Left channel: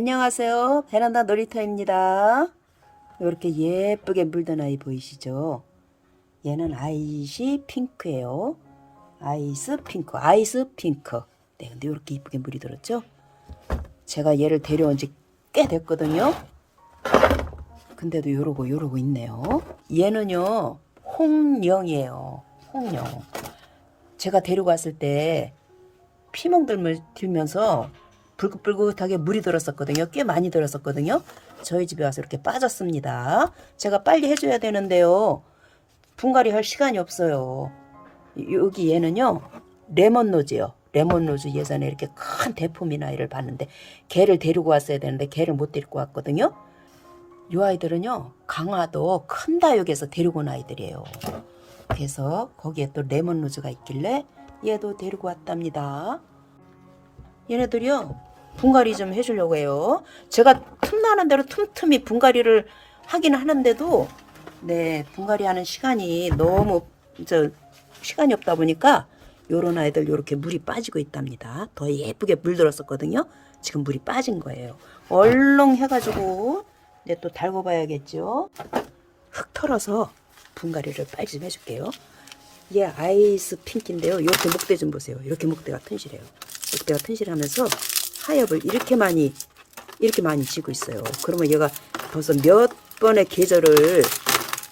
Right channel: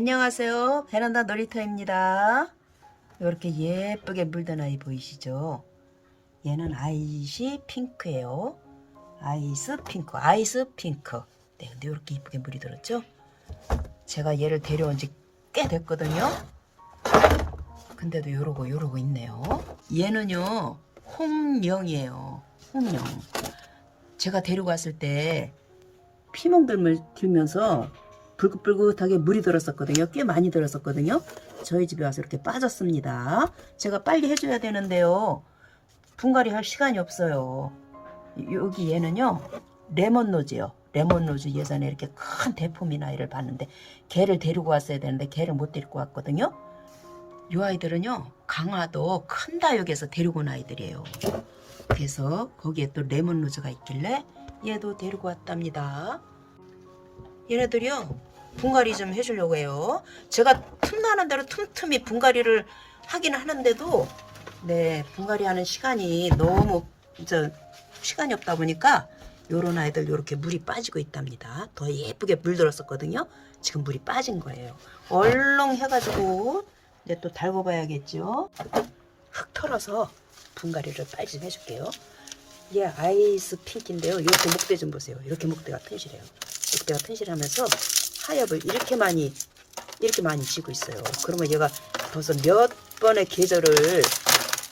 안녕하세요. 베란다 놀이터입니다. 이렇게 예쁘게 물든 아이 보이시죠? 얘는 아이시 핑크예요. 아이스 핑크, 아이스 핑크. 네, 근데 이렇게 이쁘게 물이 들었죠? 제가 얘를 데려온 지 꽤 됐거든요. 근데도 요러고 요러고 있네요. 얘는요, 홍령이에요. 홍령. 제가 데리고 왔을 때 피멍들을 들면서 불긋불긋하게 물이 들었었거든요. 꽤 많이 들었었거든요. 저희 집에 와서 이렇게 빠졌습니다. 제가 빨리 해줘야 되는데요. 분갈이 할 시간이 없어요. 여기 얘는요. 레몬 노즈요. 레몬 노즈 예전에 이렇게 큰 대품인 아이를 봤는데 걔를 데리고 왔어야 되는데 걔를 못 데리고 왔거든요. 이 아이들은요. 강화도 큰 다육에서 데리고 온 아이들이에요. 그래서 거기에 또 레몬 노즈가 있길래 얘도 데리고 왔답니다. 얘네들이요 분갈이 좀 해주려고 해요. 제가 틈나는 대로 틈틈이 분갈이를 하긴 하는데도 네 분갈이 하는 시간이 너무 저 시간이 없다 보니까 요런 아이들 요렇게 물이 빠지고 있답니다. 더 예쁘게 물들었었거든요. 지금 물이 빠진 거예요. 얼렁 해가지고 이제 또 달고 봐야겠죠. 흙 털어서 분갈이를 빨리 좀 해줄게요. 얘 아이스 핑크인데요. 이렇게 목대 좀 보세요. 이렇게 목대가 튼실해요. 목대가 튼실하면서 하엽을 이렇게 많이 이렇게 많이 지고 있어요. 그러면 얘가 벌써 몇 번의 계절을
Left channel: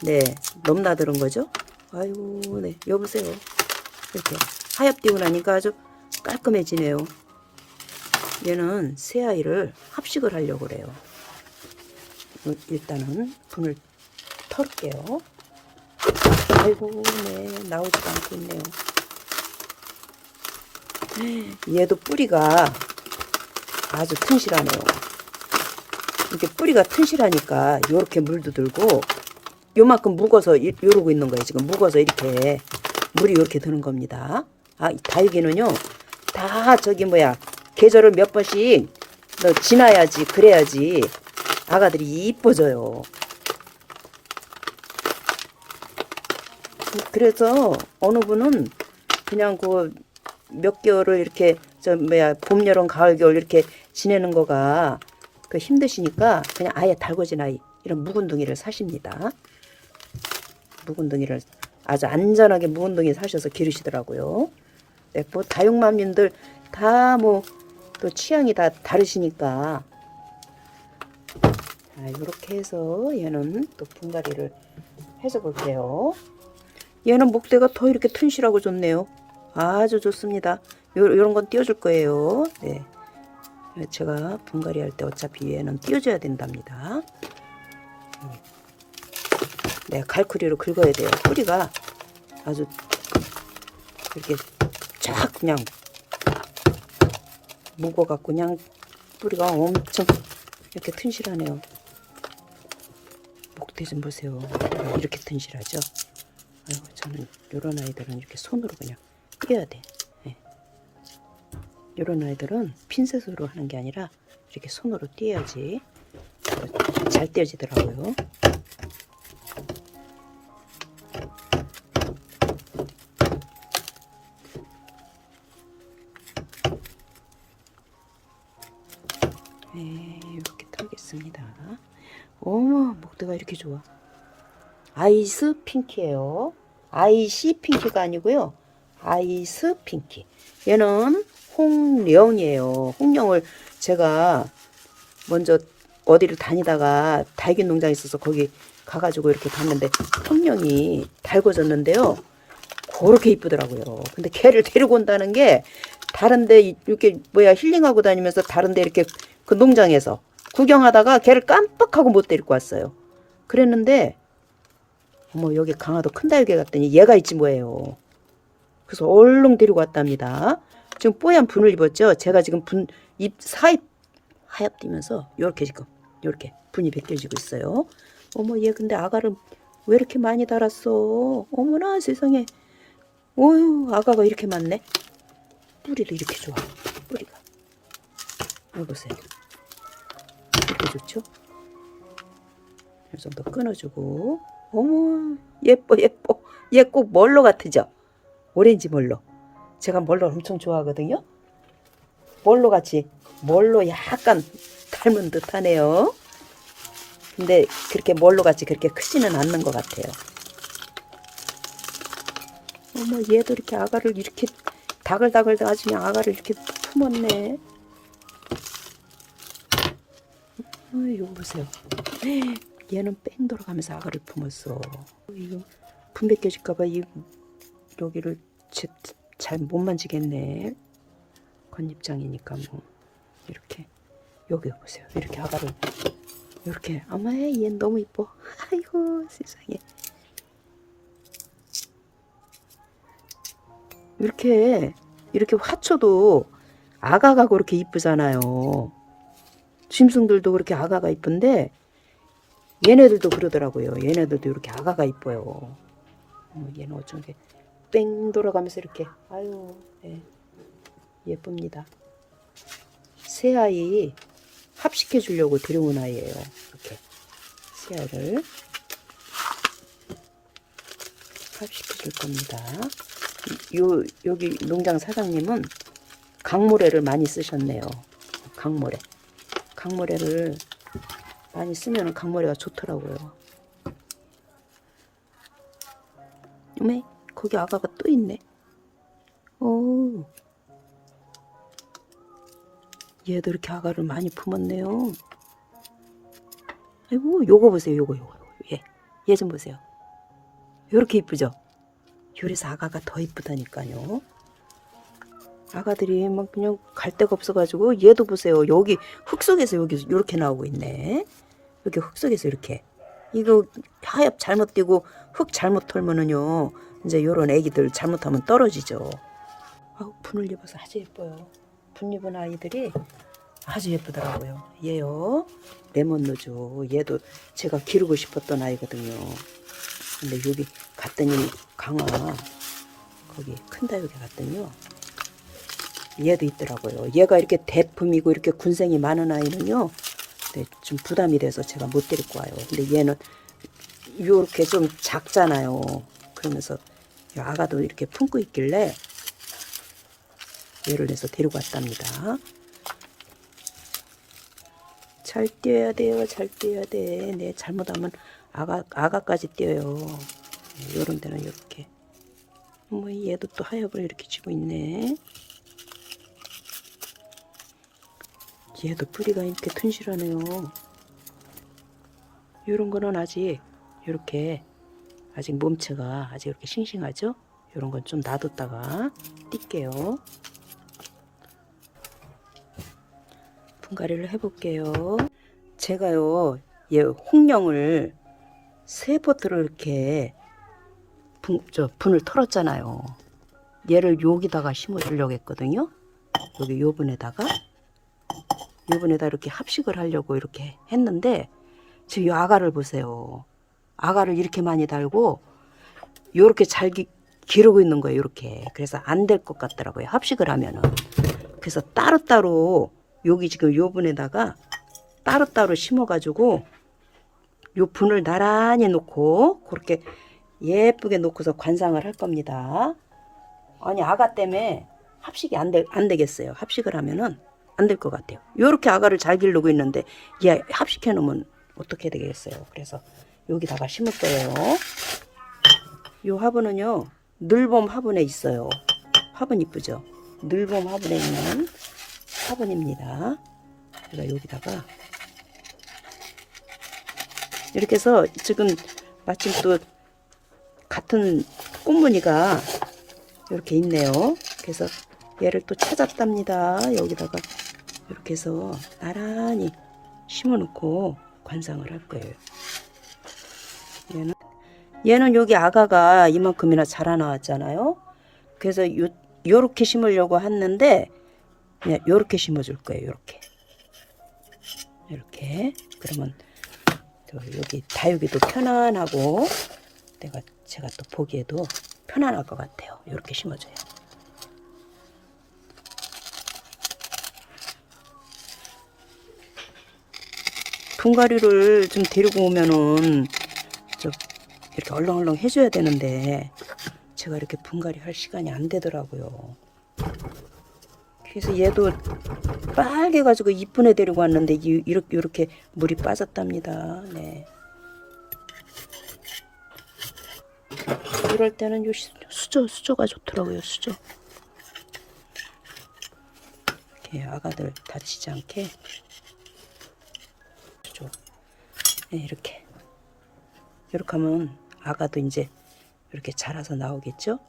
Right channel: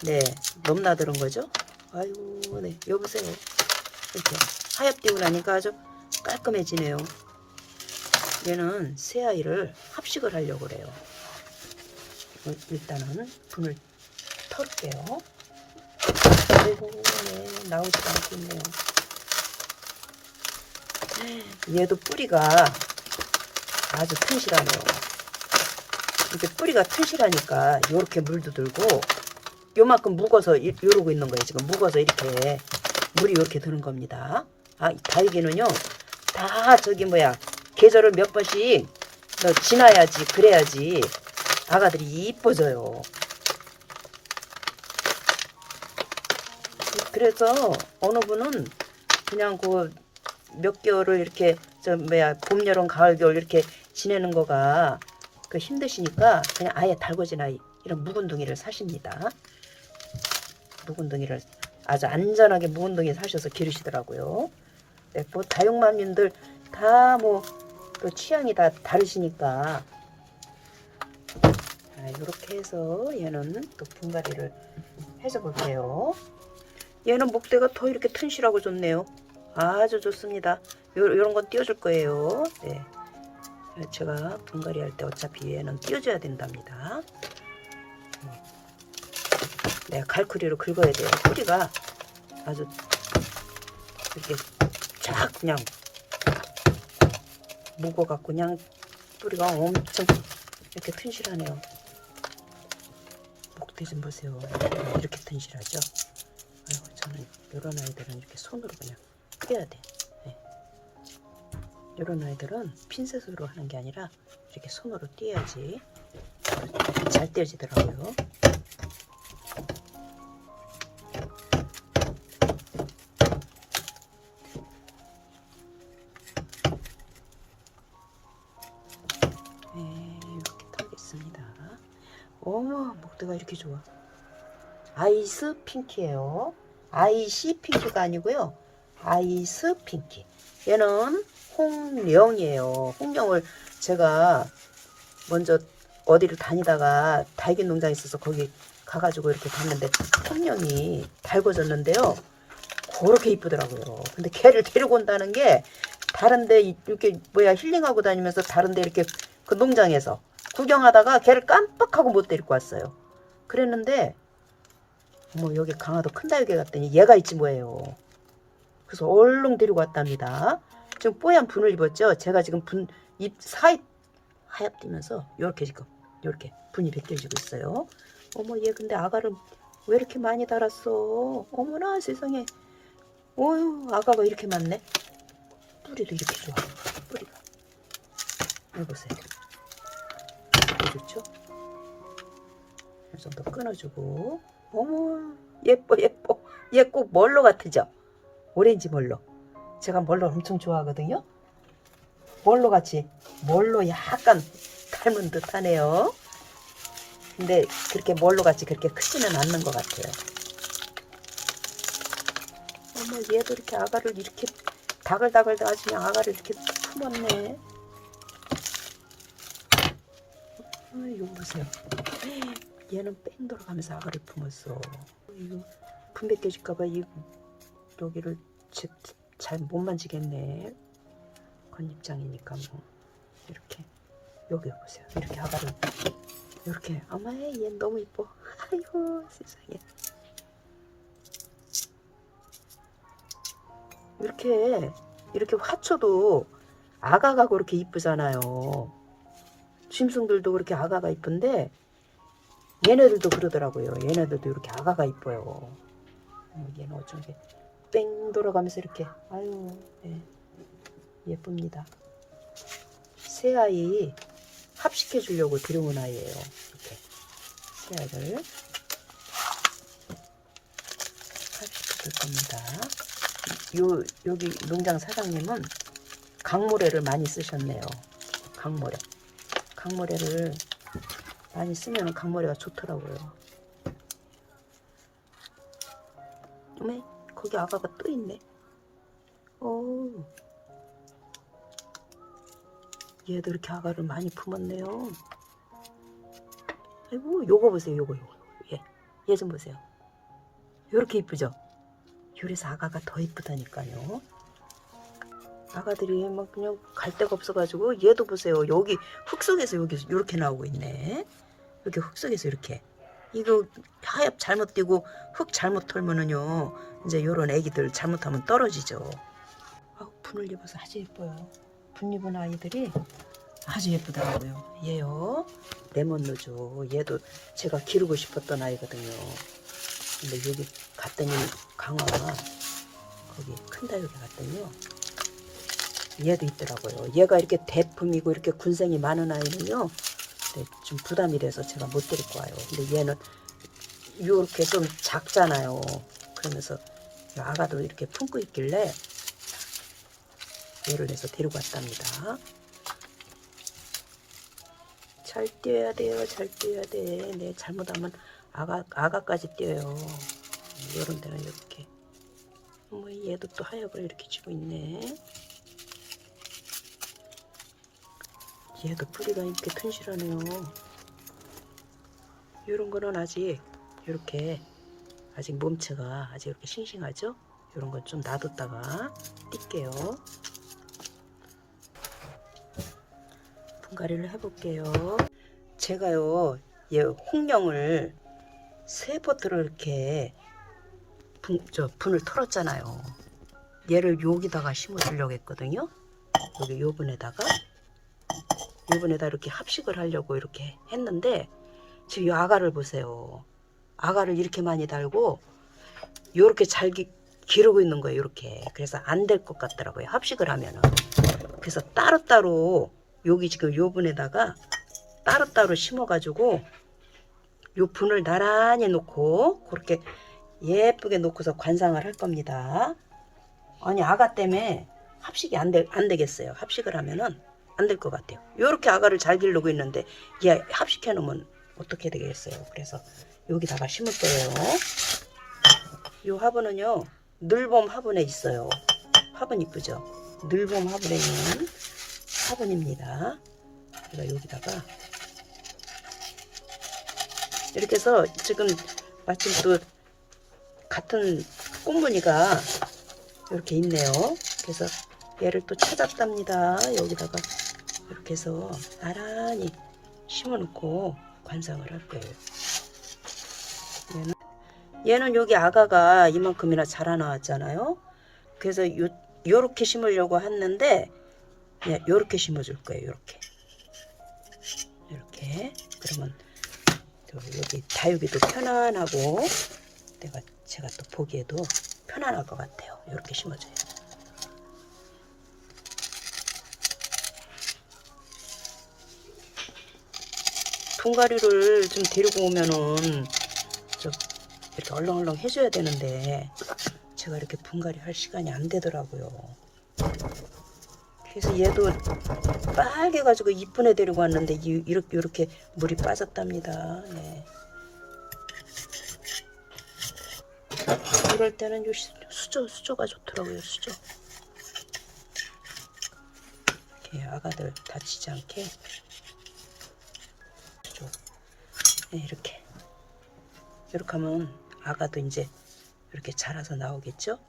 네 넘나드는 거죠. 아이고 네 여보세요. 이렇게 하엽 띄고 나니까 아주 깔끔해지네요. 얘는 새 아이를 합식을 하려고 그래요. 일단은 분을 털게요. 아이고, 네, 나오지 않고 있네요. 얘도 뿌리가 아주 튼실하네요. 이게 뿌리가 튼실하니까 이렇게 물도 들고 요만큼 묵어서 이- 이러고 있는 거예요. 지금 묵어서 이렇게 물이 이렇게 드는 겁니다. 아, 이 다육이는요, 다 저기 뭐야 계절을 몇 번씩 너 지나야지 그래야지 아가들이 이뻐져요. 그래서 어느 분은 그냥 그 몇 개월을 이렇게 저 뭐야 봄 여름 가을 겨울 이렇게 지내는 거가 그 힘드시니까 그냥 아예 아이 이런 묵은둥이를 사십니다. 묵은둥이를 아주 안전하게 묵은둥이 사셔서 기르시더라고요. 네, 뭐 다육맘님들 다 뭐 또 취향이 다 다르시니까 이렇게 해서 얘는 또 분갈이를 해줘 볼게요. 얘는 목대가 더 이렇게 튼실하고 좋네요. 아주 좋습니다. 요, 요런 건 띄워줄 거예요. 네. 제가 분갈이 할 때 어차피 얘는 띄워줘야 된답니다. 음. 네, 갈쿠리로 긁어야 돼요. 뿌리가 아주 이렇게 쫙 그냥 묵어갖고 그냥 뿌리가 엄청 이렇게 튼실하네요. 목대 좀 보세요. 이렇게 튼실하죠? 아이고, 저는 이런 아이들은 이렇게 손으로 그냥 띄어야 돼. 네. 이런 아이들은 핀셋으로 하는 게 아니라 이렇게 손으로 띄어야지 잘 띄어지더라고요. 네, 이렇게 털겠습니다. 어머, 목대가 이렇게 좋아. 아이스 핑키예요. 아이시 핑키가 아니고요. 아이스 핑키. 얘는 홍령이에요. 홍령을 제가 먼저 어디를 다니다가 달걀 농장에 있어서 거기 가가지고 이렇게 봤는데 홍령이 달궈졌는데요. 그렇게 이쁘더라고요. 근데 걔를 데리고 온다는 게 다른데 이렇게 뭐야 힐링하고 다니면서 다른데 이렇게 그 농장에서 구경하다가 걔를 깜빡하고 못 데리고 왔어요. 그랬는데 어머 여기 강화도 큰 다육에 갔더니 얘가 있지 뭐예요. 그래서 얼른 데리고 왔답니다. 지금 뽀얀 분을 입었죠. 제가 지금 분 입 사입 하얗 뛰면서 요렇게 지금 요렇게 분이 벗겨지고 있어요. 어머 얘 근데 아가를 왜 이렇게 많이 달았어? 어머나 세상에. 어휴 아가가 이렇게 많네. 뿌리도 이렇게 좋아. 뿌리가. 이거 보세요. 이렇게 좋죠? 이 정도 끊어주고 어머 예뻐 예뻐 얘꼭 멀로 같으죠 오렌지 멀로 제가 멀로 엄청 좋아하거든요 뭘로 같이 뭘로 약간 닮은 듯하네요. 근데 그렇게 뭘로 같이 그렇게 크지는 않는 것 같아요. 어머 얘도 이렇게 아가를 이렇게 다글다글 가지면 아가를 이렇게 품었네. 어, 이거 보세요. 얘는 뺑 돌아가면서 아가를 품었어. 이거 분배 깨질까봐 이 여기를 잘 못 만지겠네. 건입장이니까 뭐 이렇게 여기 보세요. 이렇게 아가를 이렇게 어머 얘 너무 이뻐. 아이고 세상에. 이렇게 이렇게 화초도 아가가 그렇게 이쁘잖아요. 짐승들도 그렇게 아가가 이쁜데 얘네들도 그러더라고요. 얘네들도 이렇게 아가가 이뻐요. 어머, 얘는 어쩐지 뺑 돌아가면서 이렇게 아유 예, 예쁩니다. 새 아이 합식해 주려고 데려온 아이예요. 이렇게 새 아이를 합식해 줄 겁니다. 요 여기 농장 사장님은 강모래를 많이 쓰셨네요. 강모래. 강모래를 많이 쓰면 강모래가 좋더라고요. 네, 거기 아가가 또 있네. 오, 얘도 이렇게 아가를 많이 품었네요. 아이고, 요거 보세요, 요거, 요거. 얘, 얘좀 보세요. 요렇게 이쁘죠? 요래서 아가가 더 이쁘다니까요. 아가들이 막 그냥 갈 데가 없어가지고 얘도 보세요. 여기 흙 속에서 여기 이렇게 나오고 있네. 여기 흙 속에서 이렇게. 이거 하엽 잘못 띄고 흙 잘못 털면은요. 이제 요런 애기들 잘못하면 떨어지죠. 아우 분을 입어서 아주 예뻐요. 분 입은 아이들이 아주 예쁘더라고요. 얘요. 레몬노죠. 얘도 제가 기르고 싶었던 아이거든요. 근데 여기 갔더니 강화 거기 큰 다육에 갔더니요. 얘도 있더라고요. 얘가 이렇게 대품이고 이렇게 군생이 많은 아이는요. 네, 좀 부담이 돼서 제가 못 데리고 와요. 근데 얘는 이렇게 좀 작잖아요. 그러면서 이 아가도 이렇게 품고 있길래 얘를 해서 데리고 왔답니다. 잘 뛰어야 돼요. 잘 뛰어야 돼. 네, 잘못하면 아가 아가까지 뛰어요. 이런 데는 이렇게. 뭐 얘도 또 하엽을 이렇게 쥐고 있네. 얘도 뿌리가 이렇게 튼실하네요. 이런 거는 아직 이렇게 아직 몸체가 아직 이렇게 싱싱하죠? 이런 건 좀 놔뒀다가 뛸게요. 분갈이를 해볼게요. 제가요, 얘 홍령을 세 포트를 이렇게 분, 저 분을 털었잖아요. 얘를 여기다가 심어주려고 했거든요. 여기 요 분에다가 요분에다 이렇게 합식을 하려고 이렇게 했는데 지금 이 아가를 보세요. 아가를 이렇게 많이 달고 요렇게 잘 기, 기르고 있는 거예요. 이렇게 그래서 안 될 것 같더라고요. 합식을 하면은 그래서 따로따로 여기 지금 요 분에다가 따로따로 심어가지고 요 분을 나란히 놓고 그렇게 예쁘게 놓고서 관상을 할 겁니다. 아니 아가 때문에 합식이 안, 되, 안 되겠어요. 합식을 하면은 안 될 것 같아요. 요렇게 아가를 잘 기르고 있는데 얘 합식해 놓으면 어떻게 되겠어요. 그래서 여기다가 심을 거예요. 요 화분은요 늘봄 화분에 있어요. 화분 이쁘죠? 늘봄 화분에 있는 화분입니다. 제가 여기다가 이렇게 해서 지금 마침 또 같은 꽃무늬가 이렇게 있네요. 그래서 얘를 또 찾았답니다. 여기다가 이렇게 해서 나란히 심어놓고 관상을 할 거예요. 얘는, 얘는 여기 아가가 이만큼이나 자라나왔잖아요. 그래서 요, 요렇게 심으려고 했는데 네, 요렇게 심어줄 거예요. 요렇게. 이렇게. 그러면 저 여기 다육이도 편안하고 내가 제가 또 보기에도 편안할 것 같아요. 이렇게 심어줘요. 분갈이를 좀 데리고 오면은 좀 이렇게 얼렁얼렁 해줘야 되는데 제가 이렇게 분갈이 할 시간이 안 되더라고요. 그래서 얘도 빨개 가지고 이쁜 애 데리고 왔는데 이- 이렇게 이렇게 물이 빠졌답니다. 네. 이럴 때는 수저 수저가 좋더라고요. 수저. 이렇게 아가들 다치지 않게 네, 이렇게 이렇게 하면 아가도 이제 이렇게 자라서 나오겠죠.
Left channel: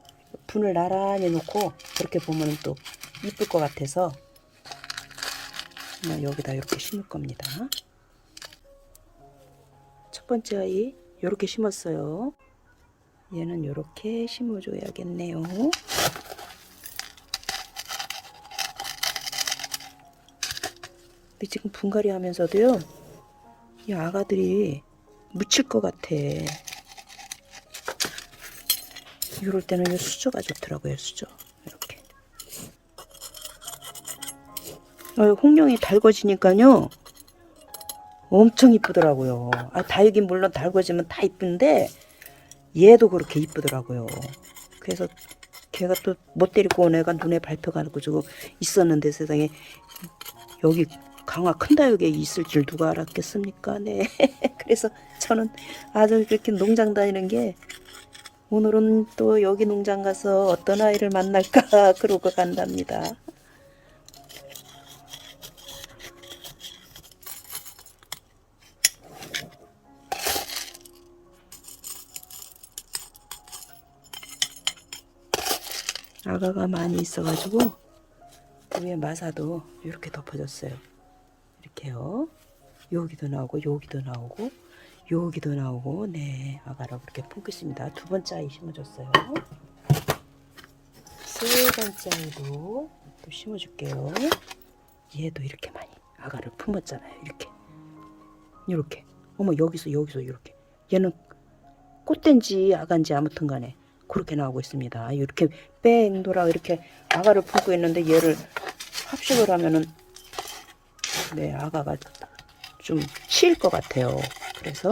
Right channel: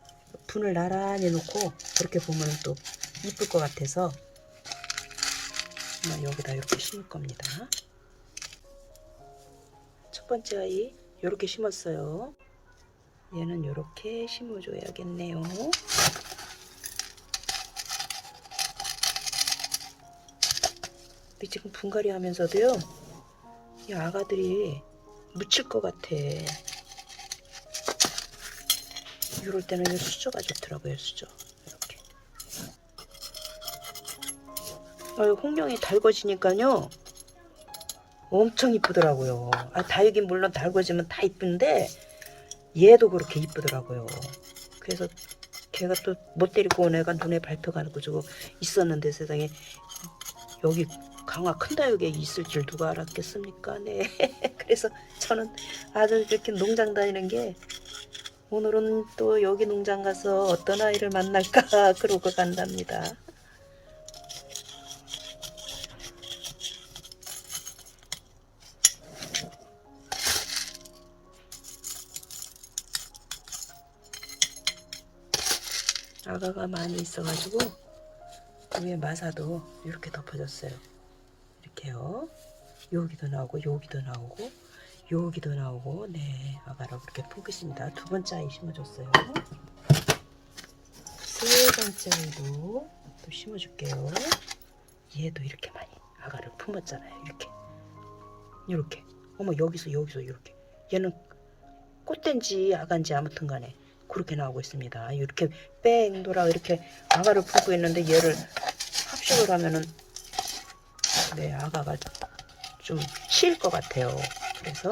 분을 나란히 놓고 그렇게 보면 또 이쁠 것 같아서 그냥 여기다 이렇게 심을 겁니다. 첫 번째 아이 이렇게 심었어요. 얘는 이렇게 심어줘야겠네요. 근데 지금 분갈이 하면서도요, 이 아가들이 묻힐 것 같아. 이럴 때는 이 수저가 좋더라고요, 수저. 이렇게. 아, 홍룡이 달궈지니까요, 엄청 이쁘더라고요. 아, 다육이 물론 달궈지면 다 이쁜데, 얘도 그렇게 이쁘더라고요. 그래서 걔가 또 못 데리고 온 애가 눈에 밟혀가 지고 있었는데 세상에 여기 강화 큰 다육에 있을 줄 누가 알았겠습니까? 네. 그래서 저는 아주 이렇게 농장 다니는 게 오늘은 또 여기 농장 가서 어떤 아이를 만날까 그러고 간답니다. 아가가 많이 있어가지고 위에 마사도 이렇게 덮어졌어요. 이렇게요. 여기도 나오고 여기도 나오고 여기도 나오고 네 아가를 그렇게 품겠습니다. 두 번째 아이 심어줬어요. 세 번째 아이도 또 심어줄게요. 얘도 이렇게 많이 아가를 품었잖아요. 이렇게 이렇게 어머 여기서 여기서 이렇게 얘는 꽃된지 아간지 아무튼 간에 그렇게 나오고 있습니다. 이렇게 뺑 돌아 이렇게 아가를 품고 있는데 얘를 합식을 하면은 네 아가가 좀 치일 것 같아요. 그래서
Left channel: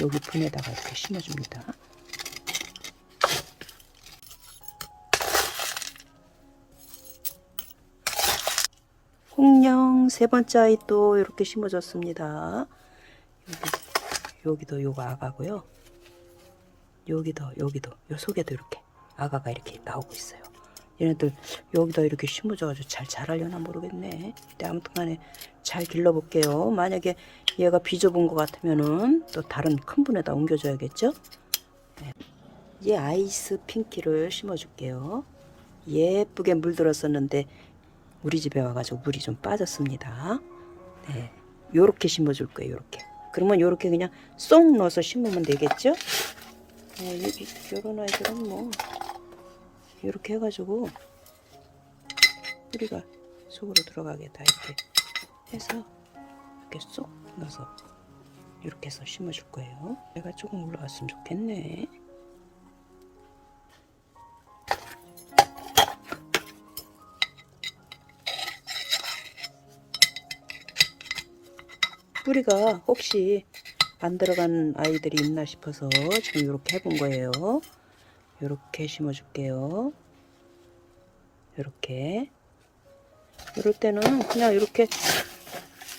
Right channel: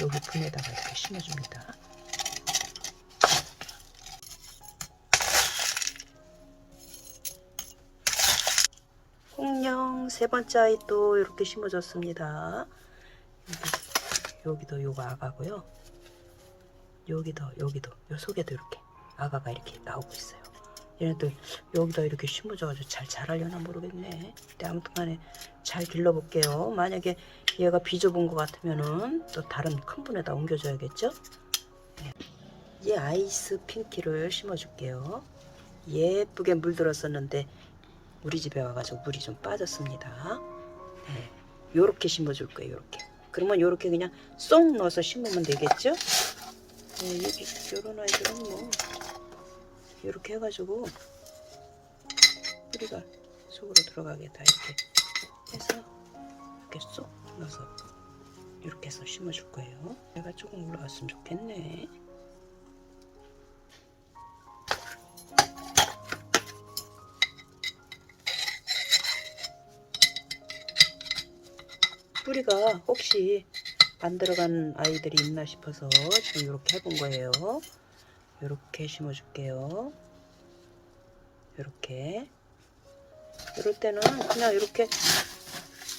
여기 분에다가 이렇게 심어줍니다. 홍령 세 번째 아이 또 이렇게 심어줬습니다. 여기, 여기도 요거 아가고요. 여기도 여기도 요 속에도 이렇게 아가가 이렇게 나오고 있어요. 얘네들 여기다 이렇게 심어줘가지고 잘 자라려나 모르겠네. 근데 아무튼간에 잘 길러볼게요. 만약에 얘가 비좁은 것 같으면은 또 다른 큰 분에다 옮겨줘야겠죠. 네. 얘 아이스 핑키를 심어줄게요. 예쁘게 물들었었는데 우리 집에 와가지고 물이 좀 빠졌습니다. 네, 요렇게 심어줄 거예요. 요렇게. 그러면 요렇게 그냥 쏙 넣어서 심으면 되겠죠? 이, 요런 아이들은 뭐 이렇게 해가지고 뿌리가 속으로 들어가게 다 이렇게 해서 이렇게 쏙 넣어서 이렇게 해서 심어줄 거예요. 얘가 조금 올라갔으면 좋겠네. 뿌리가 혹시 안 들어간 아이들이 있나 싶어서 지금 이렇게 해본 거예요. 이렇게 심어줄게요. 이렇게. 이럴 때는 그냥 이렇게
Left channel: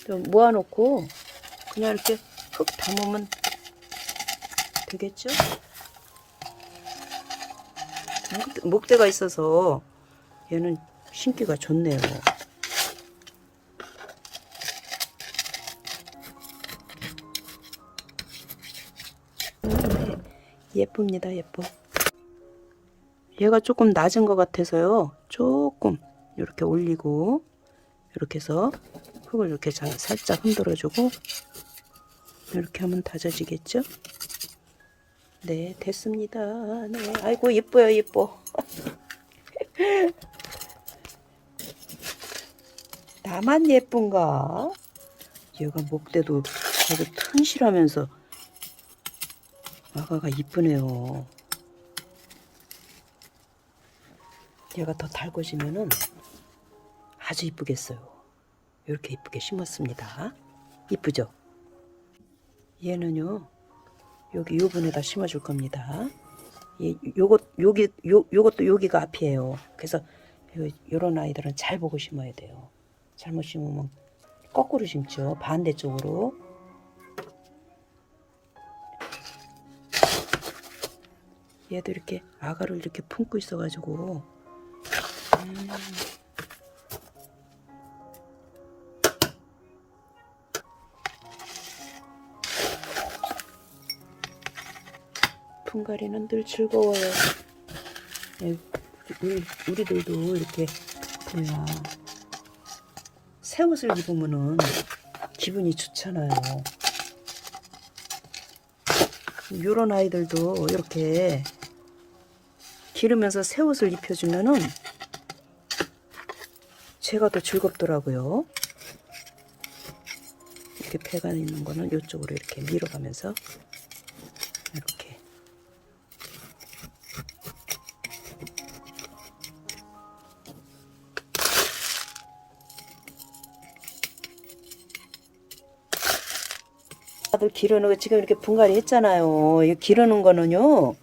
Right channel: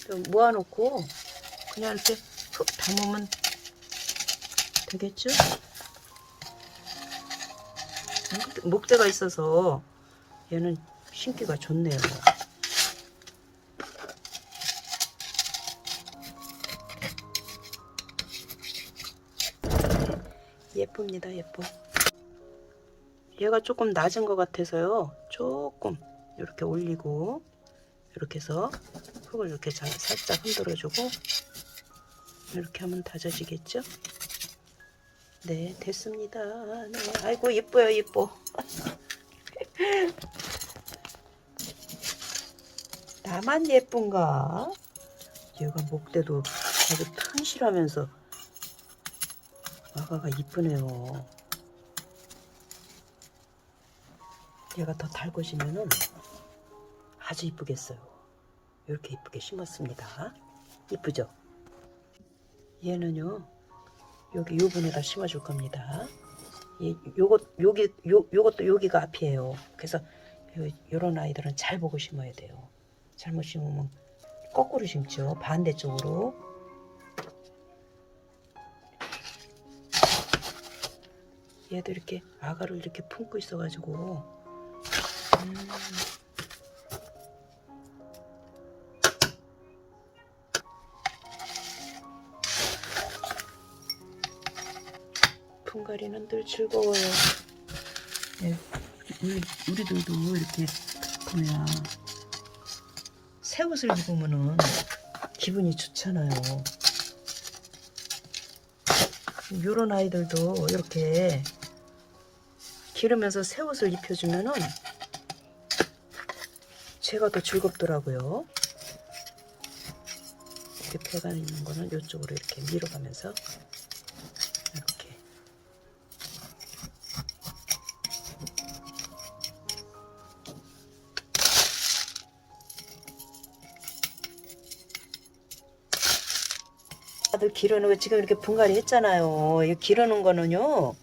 좀 모아놓고 그냥 이렇게 흙 담으면 되겠죠? 목- 목대가 있어서 얘는 심기가 좋네요. 예쁩니다, 예뻐. 얘가 조금 낮은 것 같아서요. 조금 이렇게 올리고 이렇게 해서 흙을 이렇게 잘 살짝 흔들어주고 이렇게 하면 다져지겠죠? 네, 됐습니다. 네, 아이고 예뻐요, 예뻐. 나만 예쁜가? 얘가 목대도 되게 튼실하면서 아가가 이쁘네요. 얘가 더 달궈지면은 아주 이쁘겠어요. 이렇게 이쁘게 심었습니다. 이쁘죠? 얘는요, 여기 요 분에다 심어줄 겁니다. 이, 요것, 여기, 요, 요것도 여기가 앞이에요. 그래서 이런 아이들은 잘 보고 심어야 돼요. 잘못 심으면 거꾸로 심죠. 반대쪽으로. 얘도 이렇게 아가를 이렇게 품고 있어가지고 품갈이는 늘 즐거워요. 예, 우리, 우리들도 이렇게 뭐야 새 옷을 입으면은 기분이 좋잖아요. 요런 아이들도 이렇게 기르면서 새 옷을 입혀주면은 제가 더 즐겁더라고요. 이렇게 배가 있는 거는 이쪽으로 이렇게 밀어가면서 기르는 거 지금 이렇게 분갈이 했잖아요. 이 기르는 거는요.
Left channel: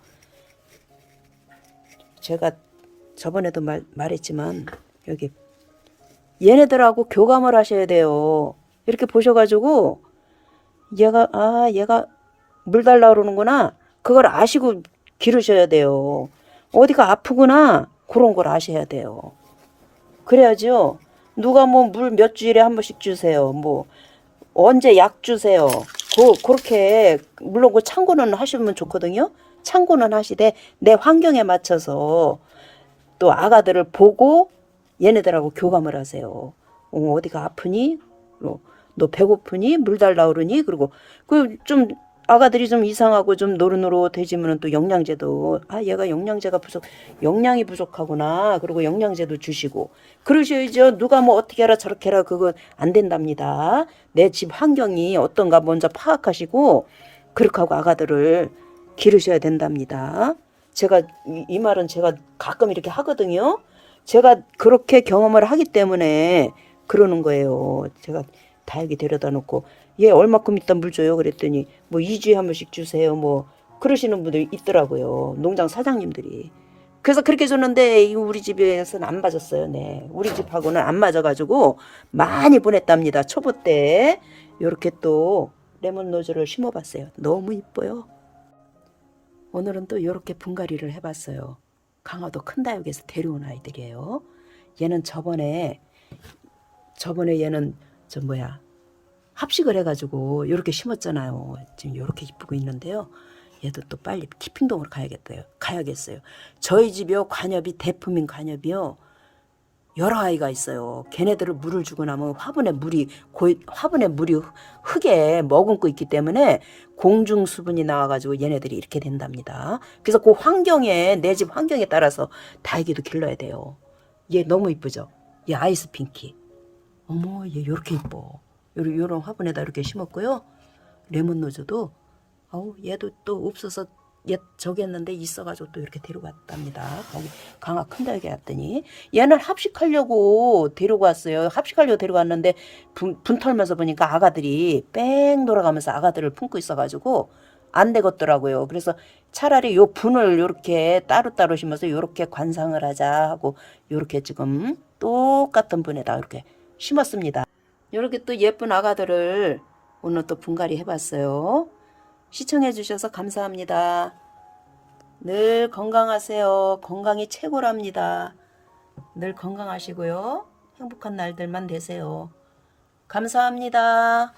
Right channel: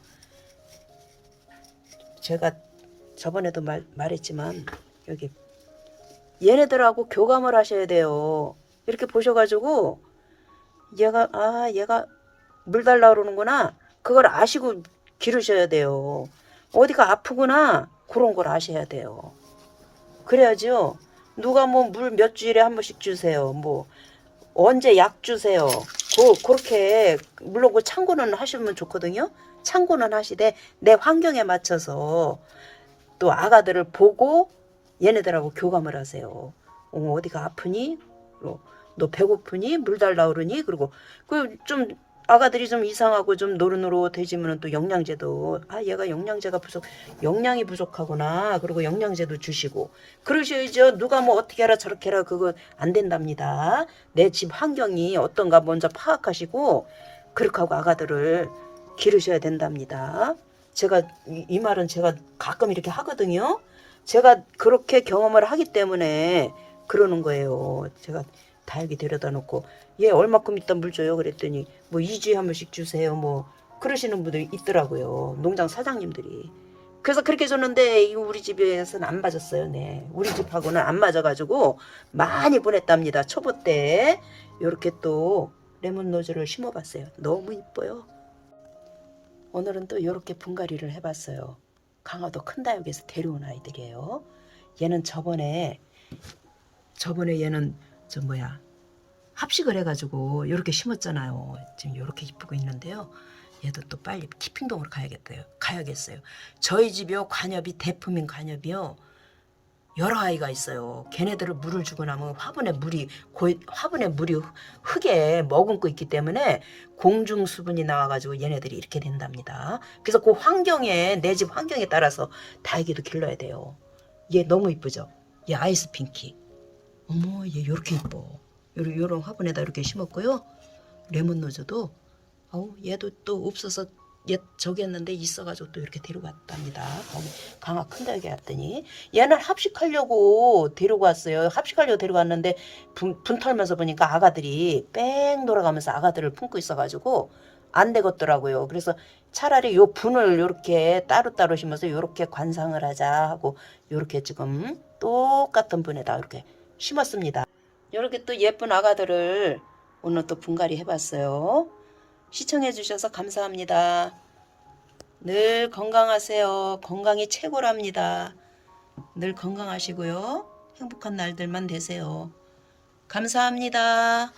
제가 저번에도 말, 말했지만 여기 얘네들하고 교감을 하셔야 돼요. 이렇게 보셔가지고 얘가 아 얘가 물 달라 그러는구나. 그걸 아시고 기르셔야 돼요. 어디가 아프구나 그런 걸 아셔야 돼요. 그래야죠. 누가 뭐 물 몇 주일에 한 번씩 주세요. 뭐 언제 약 주세요. 그 그렇게 물론 그 참고는 하시면 좋거든요. 참고는 하시되 내 환경에 맞춰서 또 아가들을 보고 얘네들하고 교감을 하세요. 어, 어디가 아프니? 어, 너 배고프니? 물 달라 그러니? 그리고 그 좀 아가들이 좀 이상하고 좀 노릇노릇해지면 또 영양제도. 아 얘가 영양제가 부족 영양이 부족하구나. 그리고 영양제도 주시고. 그러셔야죠. 누가 뭐 어떻게 해라 저렇게 해라 그거 안 된답니다. 내 집 환경이 어떤가 먼저 파악하시고 그렇게 하고 아가들을 기르셔야 된답니다. 제가 이, 이 말은 제가 가끔 이렇게 하거든요. 제가 그렇게 경험을 하기 때문에 그러는 거예요. 제가 다육이 데려다 놓고 얘 얼마큼 있다 물 줘요? 그랬더니 뭐 2주에 한 번씩 주세요. 뭐 그러시는 분들이 있더라고요 농장 사장님들이. 그래서 그렇게 줬는데 이 우리 집에서는 안 맞았어요 네. 우리 집하고는 안 맞아가지고 많이 보냈답니다 초보 때. 이렇게 또 레몬 노즈를 심어봤어요. 너무 이뻐요. 오늘은 또 이렇게 분갈이를 해봤어요. 강화도 큰 다육에서 데려온 아이들이에요. 얘는 저번에 저번에 얘는 저 뭐야 합식을 해가지고 이렇게 심었잖아요. 지금 이렇게 이쁘고 있는데요. 얘도 또 빨리 키핑동으로 가야겠어요. 가야겠어요. 저희 집이요 관엽이 대품인 관엽이요 여러 아이가 있어요. 걔네들을 물을 주고 나면 화분에 물이 고, 화분에 물이 흙에 머금고 있기 때문에 공중 수분이 나와가지고 얘네들이 이렇게 된답니다. 그래서 그 환경에 내 집 환경에 따라서 다육이도 길러야 돼요. 얘 너무 이쁘죠? 얘 아이스 핑키. 어머 얘 이렇게 이뻐. 요런, 요런 화분에다 이렇게 심었고요. 레몬 노즈도 어우 얘도 또 없어서 얘 저기 했는데 있어가지고 또 이렇게 데려갔답니다. 거기 강화 큰 다육에 왔더니 얘는 합식하려고 데리고 왔어요. 합식하려고 데려갔는데 분, 분 털면서 보니까 아가들이 뺑 돌아가면서 아가들을 품고 있어가지고 안 되겠더라고요. 그래서 차라리 요 분을 요렇게 따로따로 심어서 요렇게 관상을 하자 하고 요렇게 지금 똑같은 분에다 이렇게 심었습니다. 이렇게 또 예쁜 아가들을 오늘 또 분갈이 해봤어요. 시청해 주셔서 감사합니다. 늘 건강하세요. 건강이 최고랍니다. 늘 건강하시고요. 행복한 날들만 되세요. 감사합니다.